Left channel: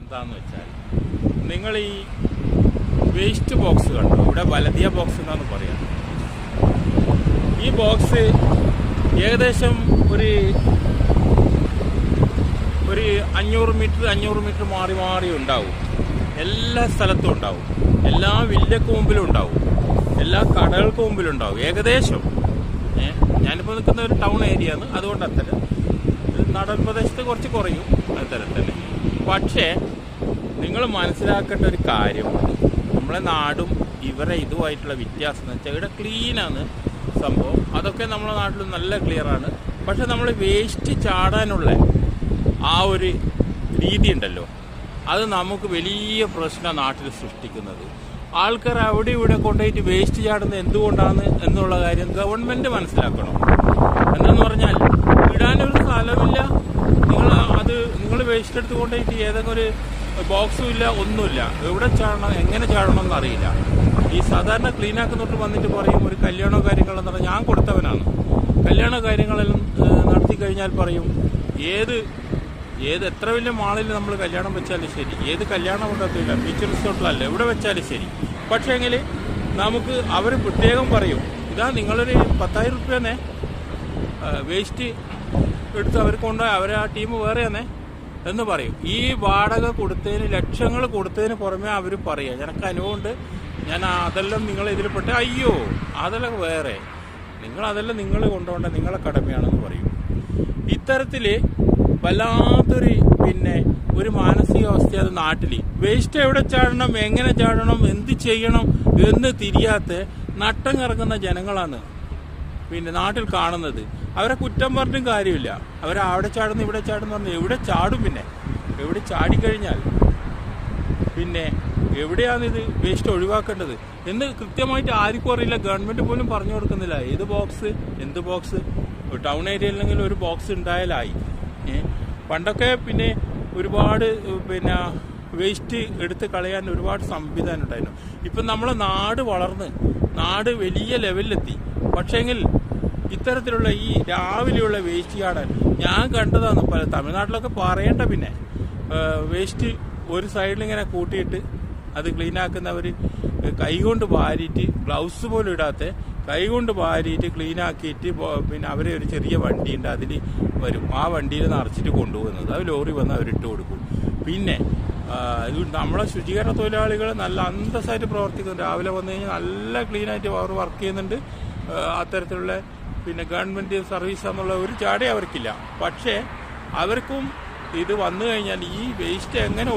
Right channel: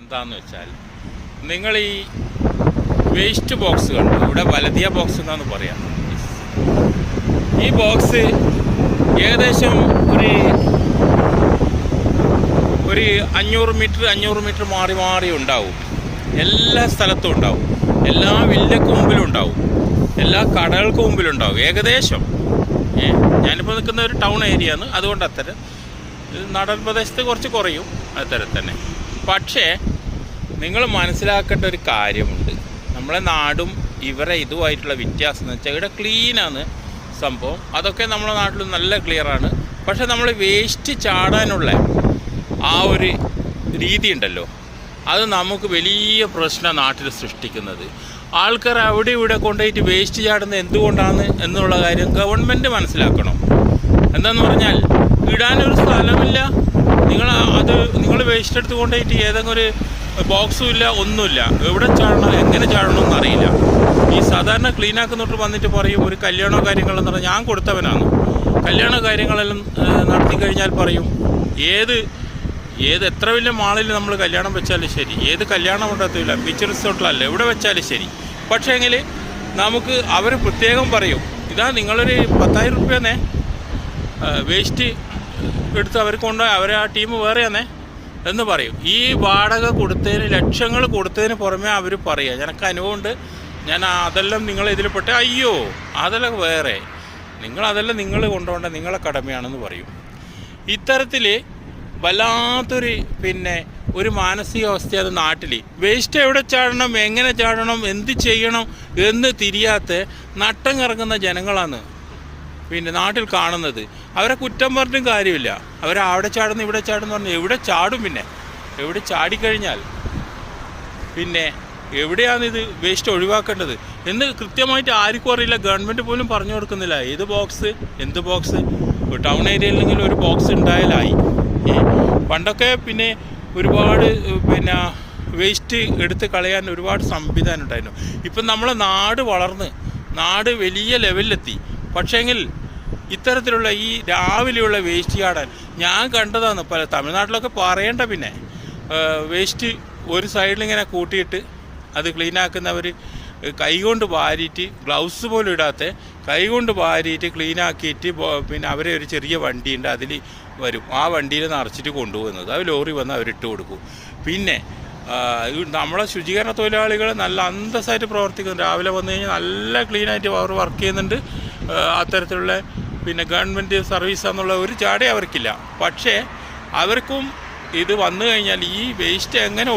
എന്താന്ന് വെച്ചാൽ നിങ്ങൾ ഈ വേസ്റ്റ് ബോക്സ് കണ്ടോ, ഇവിടെ വലതിയ ബോക്സ് എന്നാണ് പറയാം. ഈ ബോക്സ് ഏകദേശം ഒരു 500 മീറ്റർ മാറി മാറി ഉണ്ടാവും. എല്ലാ സ്ഥലത്തും ഉണ്ടാവും, എല്ലാ വില്ലക്ക് മുമ്പിലും ഉണ്ടാവും, എല്ലാ കടകൾക്ക് മുമ്പിലും ഉണ്ടാവും ഏകദേശം. ഞാനിപ്പോൾ നിൽക്കുന്ന ഒരു ടൗൺ ഏരിയ ആണ്, അതുകൊണ്ട് അത്തരം നാടൻ പ്രദേശത്ത് കുറച്ച് കുറയും അത്തരം തന്നെ. പക്ഷേ നിങ്ങൾ മനസ്സിലാക്കേണ്ട ഒരു കാര്യമുണ്ട്, നമ്മളെ നാടും ഇവരെ ഇതുമായിട്ടുള്ള വ്യത്യാസം എന്ന് വെച്ചാൽ ഇവിടെ ക്ലീനാണ് സംഭവം. അതൊക്കെ നമ്മളെ നാട്ടിൽ നല്ല ക്ലിയറാണ്. പക്ഷെ നമ്മൾ വേസ്റ്റ് ചാടാനുള്ള ആ ഒരു രീതി ഉണ്ടല്ലോ, അത് നമുക്ക് വലിയ പ്രശ്നം നാട്ടിൽ സൃഷ്ടിക്കുന്നത്. ആൾക്കാർ അവിടെ ഇവിടെ കൊണ്ടുപോയിട്ട് വേസ്റ്റ് ചാടുന്നത് എന്തുകൊണ്ടാണ് എന്നുള്ള കാര്യം ഗവൺമെൻറ് മനസ്സിലാക്കണം. എന്താന്ന് പറഞ്ഞാൽ ഇടാനൊരു സ്ഥലമില്ല, നിങ്ങൾ വേസ്റ്റ് എടുത്ത് കൊണ്ടുപോയിട്ട് ഏതെങ്കിലും ഒരു ബോക്സും ഇല്ല, ഒന്നുമില്ല. എവിടെ ചാടണം, എങ്ങനെ ചാടണമെന്ന് അറിയില്ല. ഈ സാധാരണ ക്ലീനാക്കുന്നോട്ട് വന്നിട്ട് പറയും ഒരു കല്യാണോ കാര്യങ്ങളെന്ന് പറഞ്ഞാൽ ഞാൻ കൊടുത്തവനാണ്. കല്യാണ കാര്യങ്ങളെല്ലാം നടത്തി കഴിഞ്ഞാൽ പറയും ഏത് എത്ര വലിയ മാളിൽ നമ്മൾ കല്യാണം വെച്ചാലും ശരി, ഏത് കല്യാണം കൊണ്ടെത്തില്ല, ബീച്ച് റിസോർട്ടിലല്ല എവിടെ വെച്ചാലും ശരി. പക്ഷേ എങ്കിൽ നമുക്ക് അവർ പ്രത്യേകം പറയും, ഇതാ നിങ്ങളൊരു 10,000 രൂപയെന്നേ വേസ്റ്റ് എടുത്ത് അവർ കൊണ്ടുപോയി അവരെ ആ ടീം വേറെയാന്നേ എന്ന് പറയും. ഈ വാടക കൊടുത്തതിന്, ലക്ഷങ്ങൾ കൊടുത്തതിന് പുറമെ അവർ പറയുക, എനിക്ക് അനുഭവമുണ്ട്, ഞാൻ അതെല്ലാം നിങ്ങളിതിൽ പെട്ട്, അയ്യോ അതെല്ലാം വേറെ, അതെല്ലാം നിങ്ങൾ കൊണ്ടുപോകേണ്ട നിങ്ങളെ കടമയാണെന്ന് പറയും. ഇത്തരത്തിൽ വല്ലാത്തൊരു ഒരു മാനസികാവസ്ഥയാണ് നാട്ടിൽ. വേസ്റ്റ് എവിടെ ചാടണം, എങ്ങനെ ചാടണം, എന്ത് ചെയ്യണം എന്ന് തിരിയാത്ത നട്ടം കറങ്ങുന്ന ജനങ്ങളാണ് നാട്ടിൽ കാണുന്നത്. അവരെ കുറ്റം പറഞ്ഞിട്ടും കാര്യമില്ല. അവിടെ ചാടുന്നു ഇവിടെ ചാടുന്നു പറഞ്ഞാൽ എവിടെ ചാടും, എവിടെ ചാടിക്കഴിഞ്ഞാൽ എവിടെയാണിത് വേസ്റ്റ് ഒഴിവാക്കേണ്ടത് എന്ന് കൃത്യമായിട്ട് ആർക്കും അറിയില്ല. ഗവൺമെൻറ് പോലും പറഞ്ഞു കൊടുക്കുന്നില്ല. ഏത് ബോക്സ്, എന്ത് ബോക്സ്. ടൗൺ ഏരിയയിലെങ്കിലും ഒരു ബോക്സ് ഉണ്ടായാലായി. പണ്ടൊക്കെ ഒരുപാട് വേസ്റ്റ് എടുത്ത് കളയാൻ ഒരുപാട് സംവിധാനം ഉണ്ടായിരുന്നു. ഇപ്പം നമ്മളെ നാട് വളർന്ന് നാട് വലിയ ലെവലിലെത്തി. പക്ഷേങ്കിൽ ഇത്തരത്തിലുള്ള ഈ രാവിലെയുള്ള വേസ്റ്റ് ചാടാൻ ഞാൻ കണ്ടതാണ് പല തമിഴ്നാട്ടിലൊക്കെ പറയേണ്ട. വേസ്റ്റ് ഒരു സൈഡിലിങ്ങനെ കൂട്ടിയിട്ട് അത് ക്ലീനാക്കുന്നവർ കൈകൊണ്ട് വാരിയിട്ട്, ഗ്ലൗസ് പോലും ഇടാത്ത കൈകൊണ്ട് വാരിയിട്ട് ക്ലീനാക്കിയിട്ട് അവരെ ഒരു ചെറിയ വണ്ടിയുണ്ട്, അതിൽ വരും. ആ വണ്ടിയിൽ നിറച്ചിട്ട് കൊണ്ടുപോകുന്നത്, അത് ലോറി വന്ന് അവരിട്ട് കൊടുക്കും. നമ്മളെ ശുചീകരണ തൊഴിലാളികൾ നല്ല അന്തസ്സായിട്ട് പ്രവർത്തിക്കുന്നു. രാവിലെ വന്നു കഴിഞ്ഞാൽ നല്ല ക്ലീനായിട്ട് അവർ വർക്ക് ചെയ്യുന്നുണ്ട്. അത്തരത്തിലുള്ള ഗവൺമെൻറ് സർവീസ് എന്നുള്ള ഒരു ചാടേ അവർക്കില്ല. പക്ഷേ അവർക്കും ഇത് വന്നു കഴിഞ്ഞാൽ ഈ വേസ്റ്റ് എങ്ങനെ